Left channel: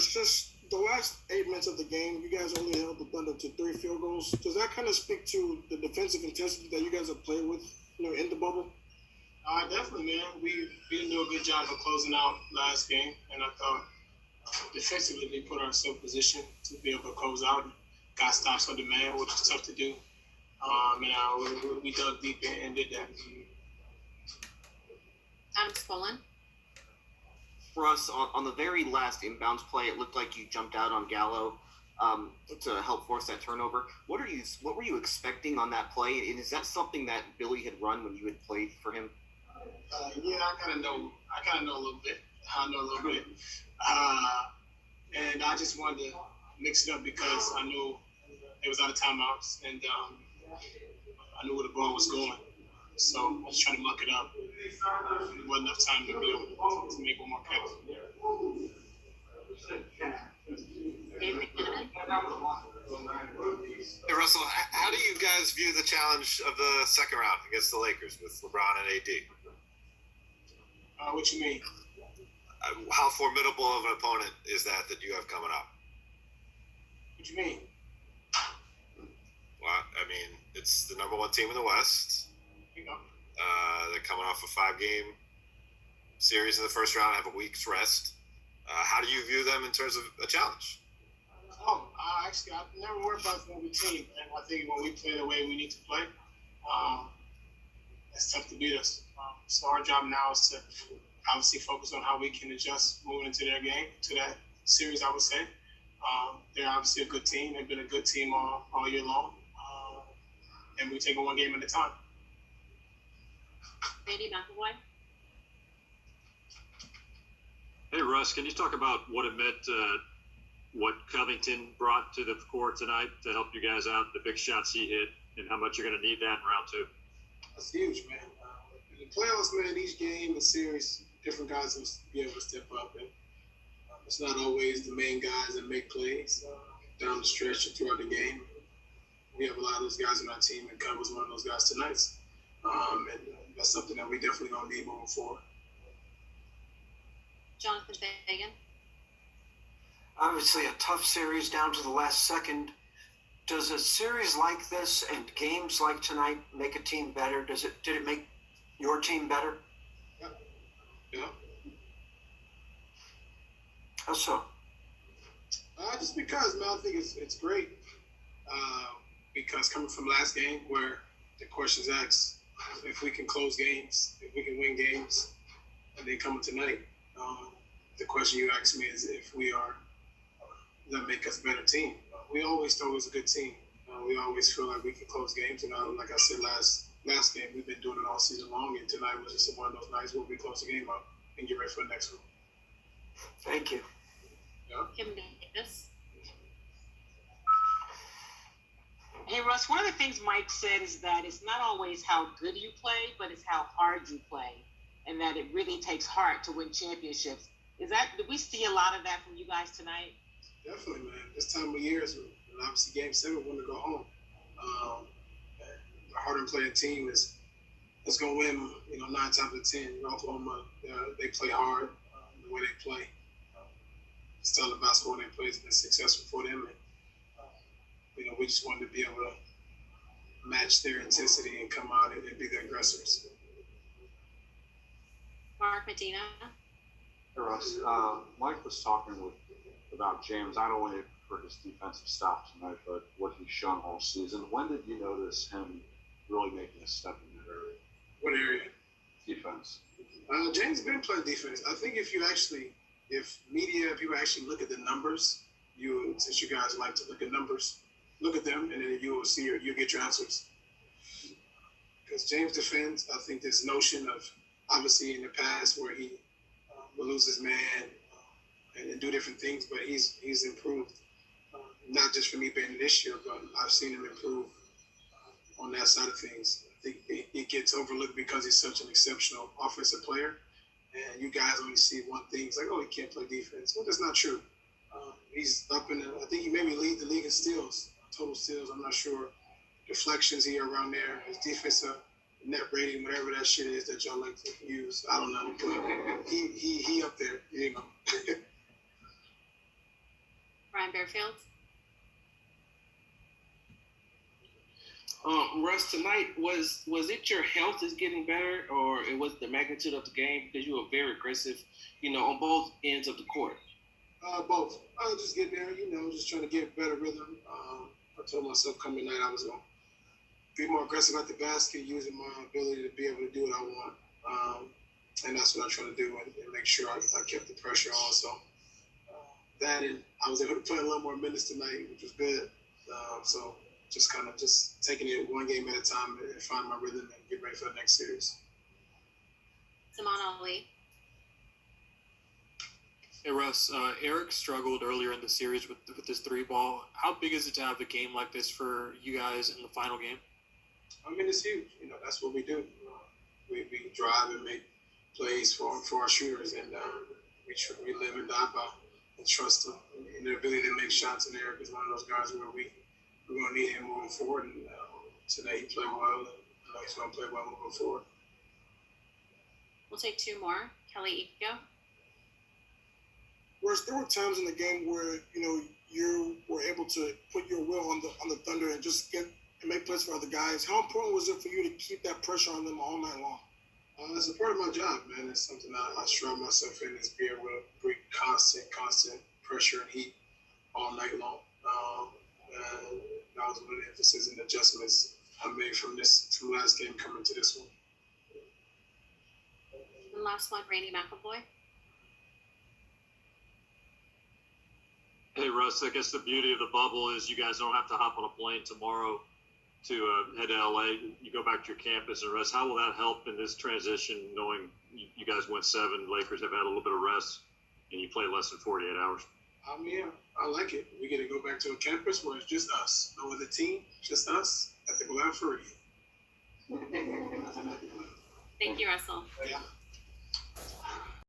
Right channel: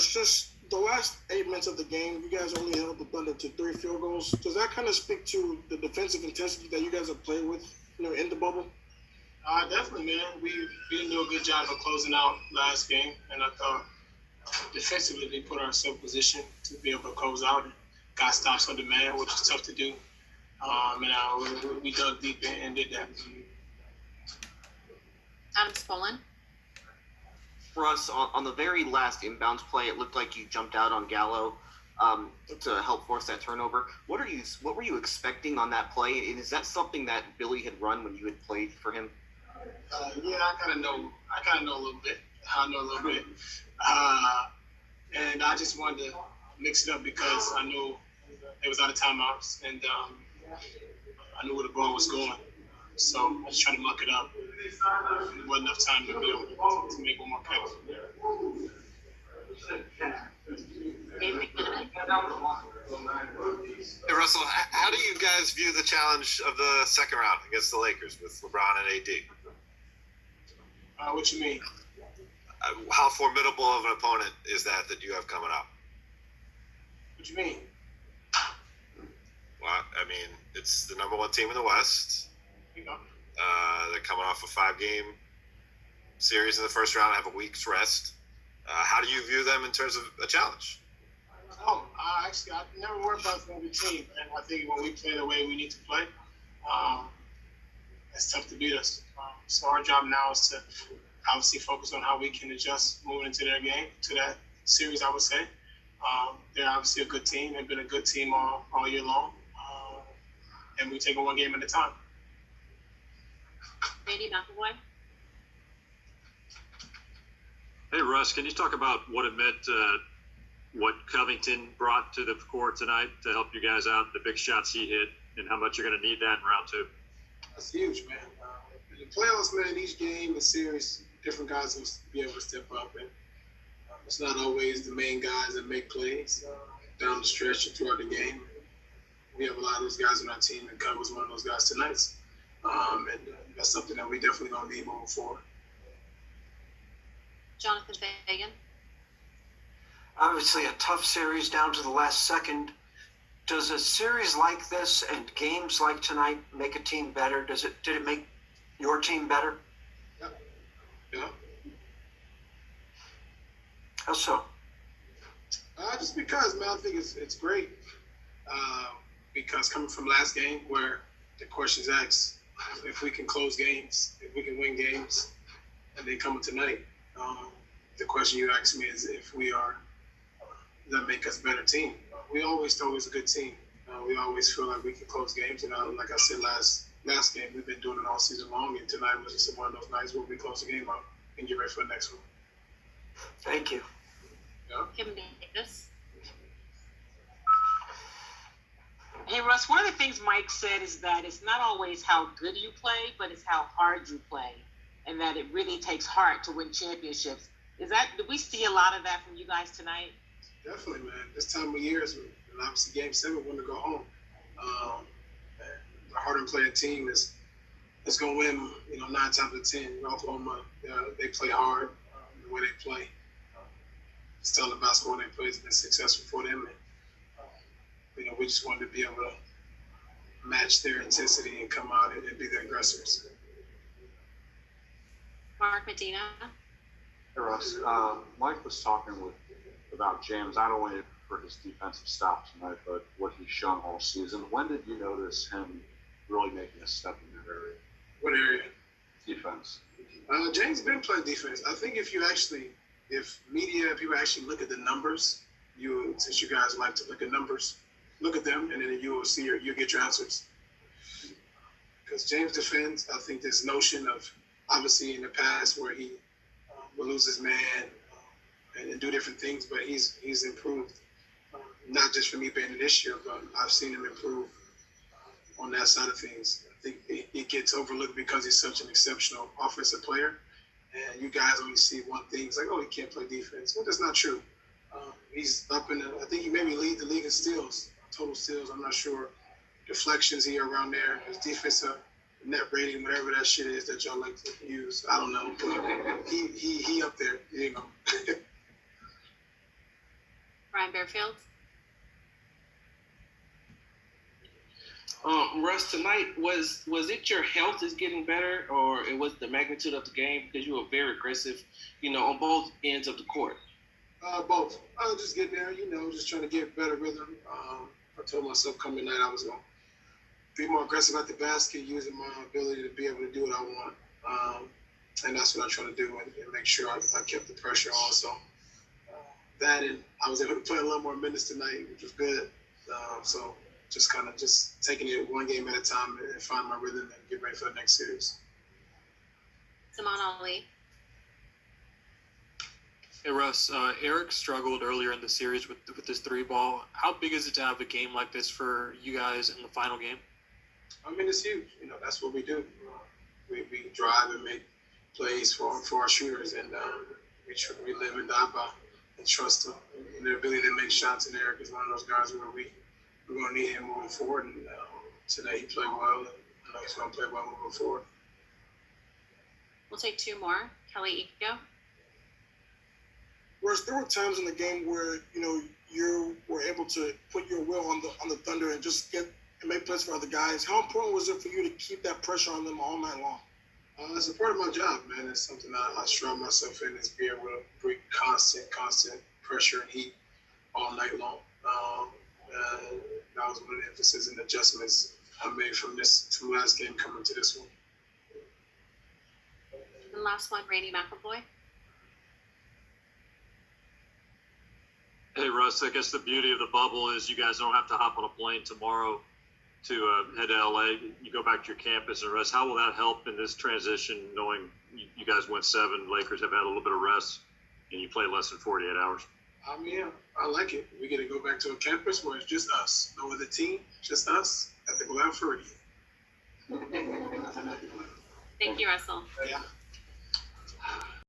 Russ, just the last 8 minutes of the game, you guys only held the Thunder to 3 field goals. Does that kind of speak to the defensive intensity that you guys have played with, in the bubble? Definitely, man. We didn't do a good job of closing out last game, and I thought defensively we put ourselves in position to be able to close out and got stops on demand, which is tough to do. And we dug deep and did that. Adam Spolin. For us, on the very last inbounds play, it looked like you jumped out on Gallo to help force that turnover. What were you expecting on that play? And is that something that Billy had run when you had played for him? Yeah, I kind of know a little bit. And I just wanted to mix it up because I knew it was out of timeouts, and I knew where the ball was going. So I just tried to muck it up. There wasn't enough time to be able to make one more play. Hey, Russell, how do you guys view the challenge of the second round against the Lakers with LeBron and AD? What you mean? How formidable of an opponent is that you have coming up? What you mean? Well, I mean, it's the number one team in the West. They're coming off a 5-game series in the first round, have a week's rest. How do you view them in terms of a challenge? Actually, I've never worried about the team, and I think when we play the way we need to play, it's tough to beat us. So our job now is to obviously focus on how we can adjust moving into their game, to that series, I would say. They're obviously a good team. They've been a good team all year long. And we take it one game at a time. Brady McAvoy. Hey, Russ, can you talk about what it meant, what Covington brought to the court tonight to help you guys out, the big shots he hit, and how much you're going to need that in round 2? That's huge, man. In the playoffs, man, each game, a series, different guys will be able to step up. And it's not always the main guys that make plays down the stretch or throughout the game. We have a lot of those guys on our team, and Cub was one of those guys tonight. And that's something that we definitely going to need moving forward. Jonathan Fagan. Obviously a tough series down to the last second. Does a series like this and games like tonight make a team better? Did it make your team better? Yeah. How so? Just because, man, I think it's great. Because coming from last game where the question's asked if we can close games, if we can win games, and then coming tonight, the question you asked me is if we are, does that make us a better team? We always thought it was a good team. We always feel like we can close games. Like I said last game, we've been doing it all season long, and tonight was just one of those nights where we close the game up and get ready for the next one. Thank you. Yeah. Kim Davis. Hey, Russ, one of the things Mike said is that it's not always how good you play, but it's how hard you play, and that it really takes heart to win championships. Do we see a lot of that from you guys tonight? Definitely, man. This time of year is obviously Game 7 when to go home. The harder playing team is going to win, 9 times out of 10. Oklahoma, they play hard the way they play. Style of basketball they play has been successful for them. And, we just wanted to be able to match their intensity and come out and be the aggressors. Mark Medina. Hey, Russ. Mike was talking about James, not only for his defensive stop tonight, but what he's shown all season. When did you notice him really making a step in that area? What area? Defense. James has been playing defense. I think if people actually look at the numbers, since you guys like to look at numbers, look at them, and then you will see you'll get your answers. Because James defends, I think this notion of, obviously in the past where he will lose his man and do different things, but he's improved. Not just for me being this year, but I've seen him improve on that side of things. I think it gets overlooked because he's such an exceptional offensive player. And you guys only see one thing. It's like, oh, he can't play defense. Well, that's not true. He's up I think he maybe lead the league in steals, total steals. I'm not sure. Deflections here around there. His defensive net rating, whatever that shit is that y'all like to use. I don't know. But he up there, Brian Bearfield. Russ, tonight was it your health is getting better, or it was the magnitude of the game because you were very aggressive, on both ends of the court? Both. I was just getting there, just trying to get better rhythm. I told myself coming tonight I was going to be more aggressive at the basket, using my ability to be able to do what I want. And that's what I'm trying to do and make sure I kept the pressure on. So that, and I was able to play a little more minutes tonight, which was good. So just kind of just taking it one game at a time and find my rhythm and get ready for the next series. Simon Ali. Hey Russ, Eric struggled earlier in the series with this three ball. How big is it to have a game like this for you guys in the final game? I mean, it's huge. That's what we do. We drive and make plays for our shooters, and we live and die by and trust them and their ability to make shots. And Eric is one of those guys where we're going to need him moving forward. And today he played well, and I know he's going to play well moving forward. We'll take two more. Kelly Ego. Whereas there were times in the game where you were able to put your will on the Thunder and just get and make plays for other guys. How important was it for you to keep that pressure on them all night long? It's a part of my job, man. It's something I strive myself in, is being able to bring constant pressure and heat all night long. And that was one of the emphasis and adjustments I made from last game coming to this one. And last one, Randy McAvoy. Hey Russ, I guess the beauty of the bubble is you guys don't have to hop on a plane tomorrow to head to LA. You go back to your campus and rest. How will that help in this transition, knowing you guys went 7, Lakers have had a little bit of rest, and you play less than 48 hours? I mean, I like it. We get to go back to a campus where it's just us. No other team, just us. I think we'll have free. Thank you, Russell. Yeah.